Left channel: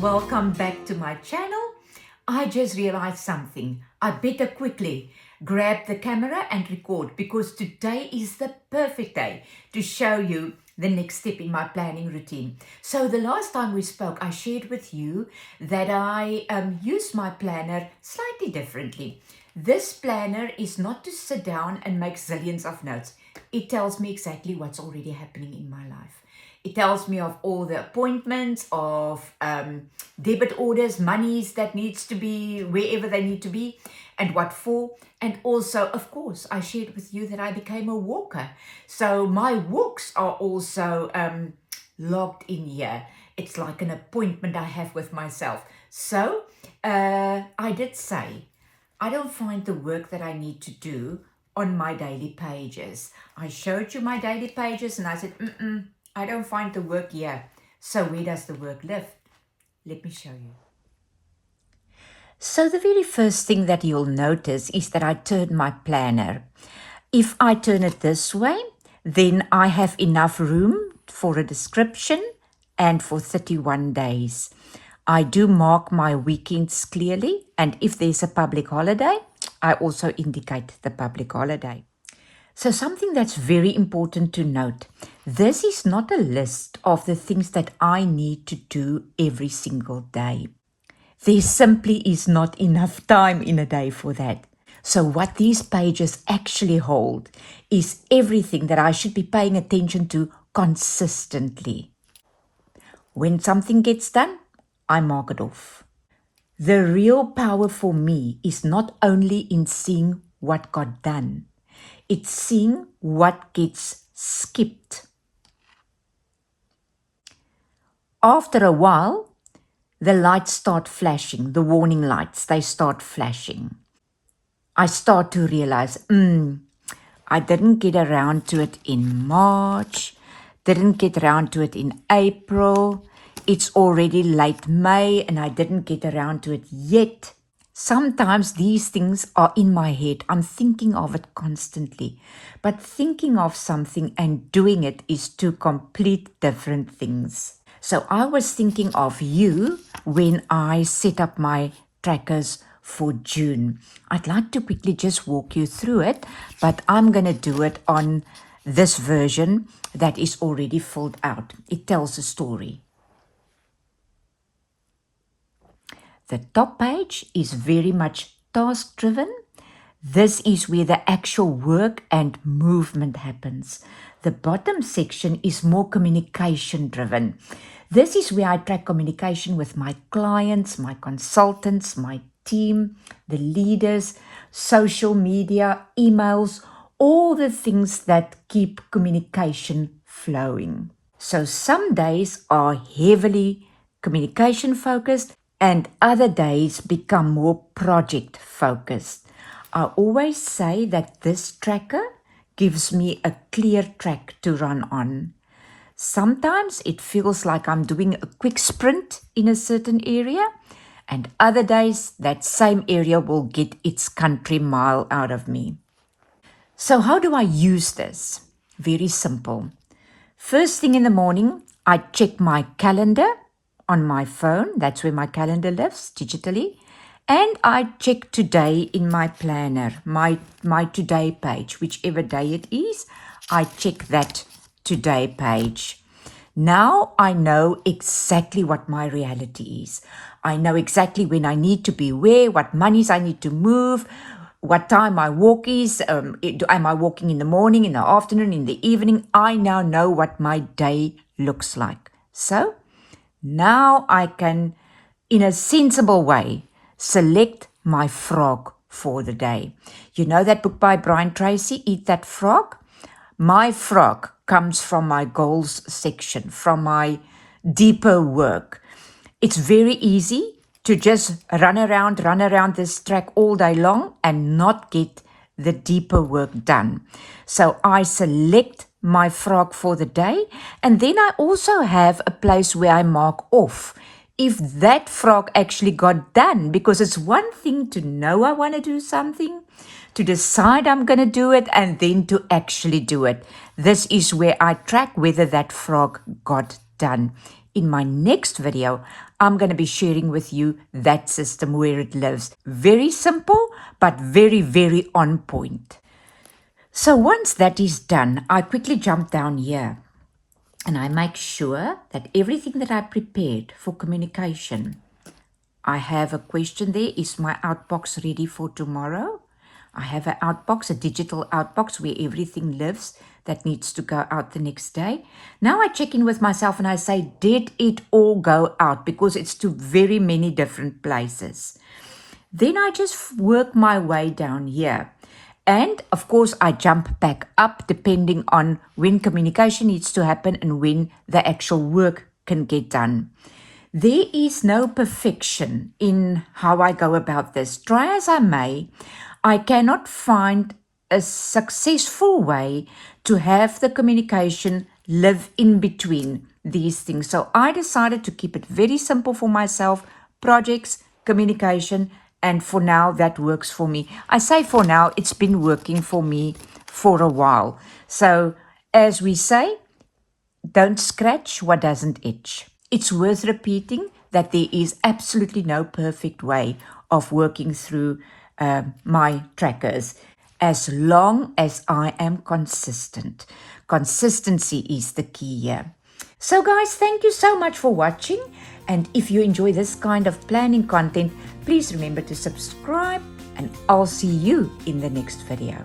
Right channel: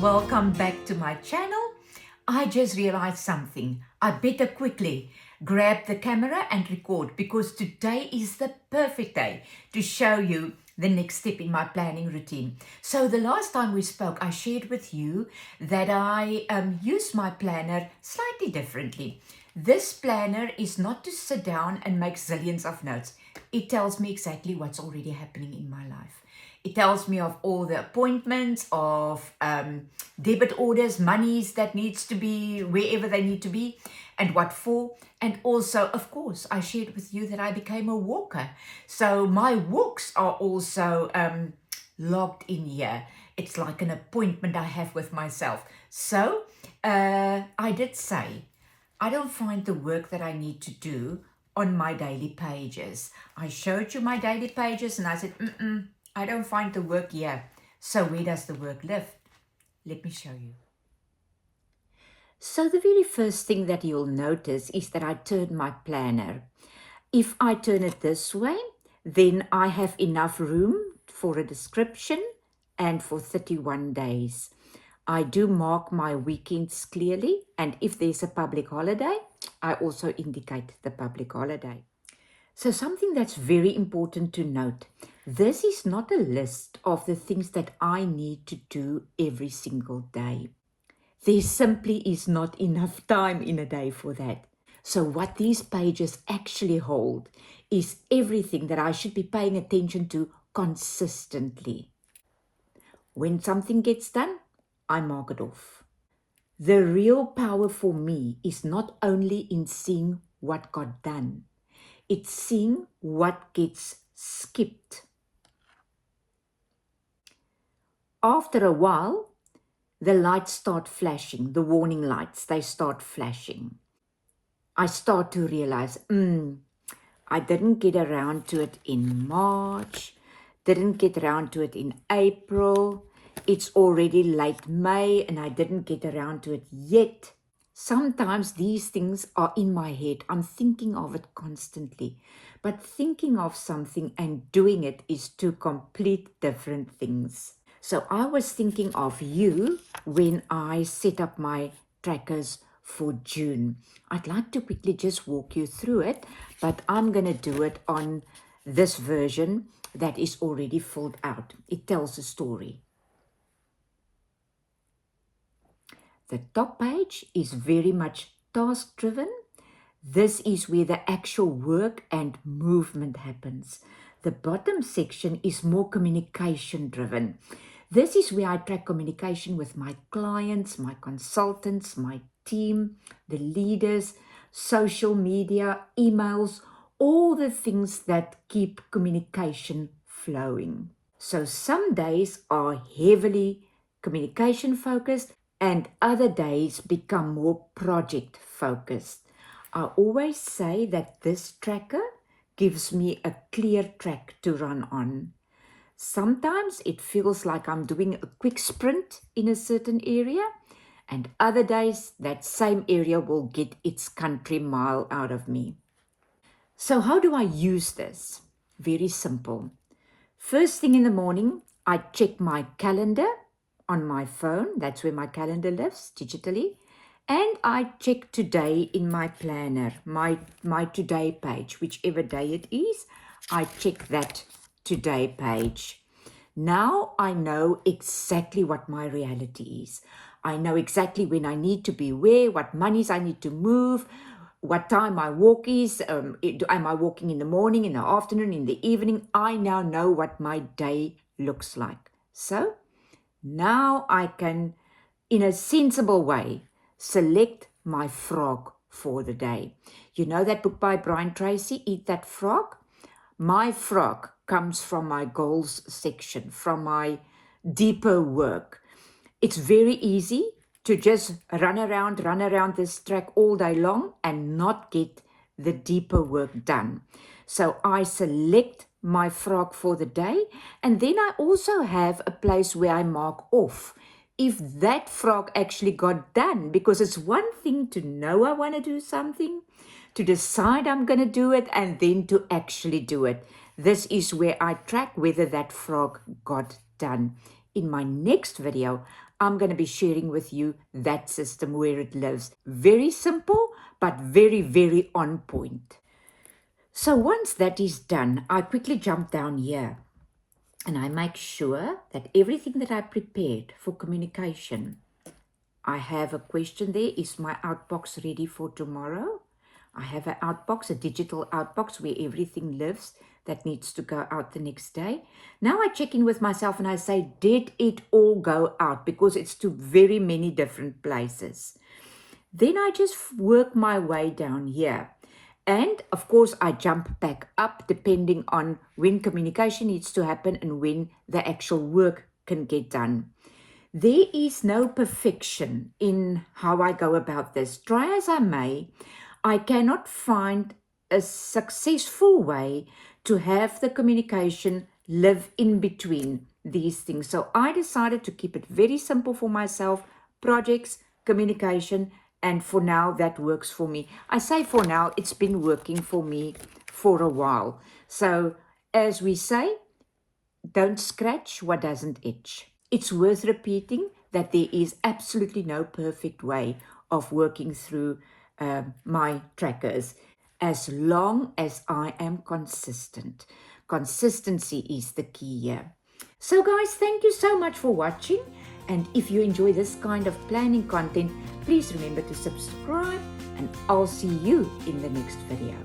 welcome back to my channel. I just realized something. I better quickly grab the camera and record because today is the perfect day to show you the next step in my planning routine. So the last time we spoke, I shared with you that I use my planner slightly differently. This planner is not to sit down and make zillions of notes. It tells me exactly what's already happening in my life. It tells me of all the appointments, of debit orders, monies that needs to be wherever they need to be and what for. And also, of course, I shared with you that I became a walker. So my walks are also logged in here. It's like an appointment I have with myself. So I did say, I don't find the work that I need to do on my daily pages. I showed you my daily pages and I said, I don't find the work here. So where does the work live? Let me show you. So the very first thing that you'll notice is that I turn my planner. If I turn it this way, then I have enough room for a description and for 31 days. I do mark my weekends clearly, and if there's a public holiday, I also indicate the public holiday. So something that's very important to note, this is not a list of the things that I need to do every single day. There simply is not enough time in a day for that. So what these pages actually hold is everything that I should be paying attention to consistently. When something gets done, I mark it off. The real power for me is not only in seeing what got done, it's seeing what gets skipped. After a while, the lights start flashing, the warning lights, they start flashing. I start to realize, I didn't get around to it in March, didn't get around to it in April, it's already late May and I didn't get around to it yet. Sometimes these things are in my head. I'm thinking of it constantly. But thinking of something and doing it is two complete different things. So I was thinking of you when I set up my trackers for June. I'd like to quickly just walk you through it, but I'm going to do it on this version that is already filled out. It tells a story. The top page is very much task-driven. This is where the actual work and movement happens. The bottom section is more communication-driven. This is where I track communication with my clients, my consultants, my team, the leaders, social media, emails, all the things that keep communication flowing. So some days are heavily communication-focused, and other days become more project focused. I always say that this tracker gives me a clear track to run on. Sometimes it feels like I'm doing a quick sprint in a certain area, and other days that same area will get its country mile out of me. So how do I use this? Very simple. First thing in the morning, I check my calendar on my phone. That's where my calendar lives digitally. And I check today in my planner, my today page, whichever day it is, I check that today page. Now I know exactly what my reality is. I know exactly when I need to be where, what monies I need to move, what time my walk is. Am I walking in the morning, in the afternoon, in the evening? I now know what my day looks like. So now I can, in a sensible way, select my frog for the day. You know that book by Brian Tracy, Eat That Frog? My frog comes from my goals section, from my deeper work. It's very easy to just run around this track all day long and not get the deeper work done. So I select my frog for the day, and then I also have a place where I mark off if that frog actually got done, because it's one thing to know I want to do something, to decide I'm going to do it, and then to actually do it. This is where I track whether that frog got done. in my next video, I'm going to be sharing with you that system where it lives. Very simple, but very, very on point. So once that is done, I quickly jump down here and I make sure that everything that I prepared for communication, I have a question there. Is my outbox ready for tomorrow? I have an outbox, a digital outbox where everything lives that needs to go out the next day. Now I check in with myself and I say, did it all go out? Because it's to very many different places. Then I just work my way down here. And of course, I jump back up depending on when communication needs to happen and when the actual work can get done. There is no perfection in how I go about this. Try as I may, I cannot find a successful way to have the communication live in between these things. So I decided to keep it very simple for myself, projects, communication, and for now that works for me. I say for now, it's been working for me for a while. So as we say, don't scratch what doesn't itch. It's worth repeating that there is absolutely no perfect way of working through my trackers as long as I am consistent. Consistency is the key here. So guys, thank you so much for watching. And if you enjoy this kind of planning content, please remember to subscribe and I'll see you in the next video.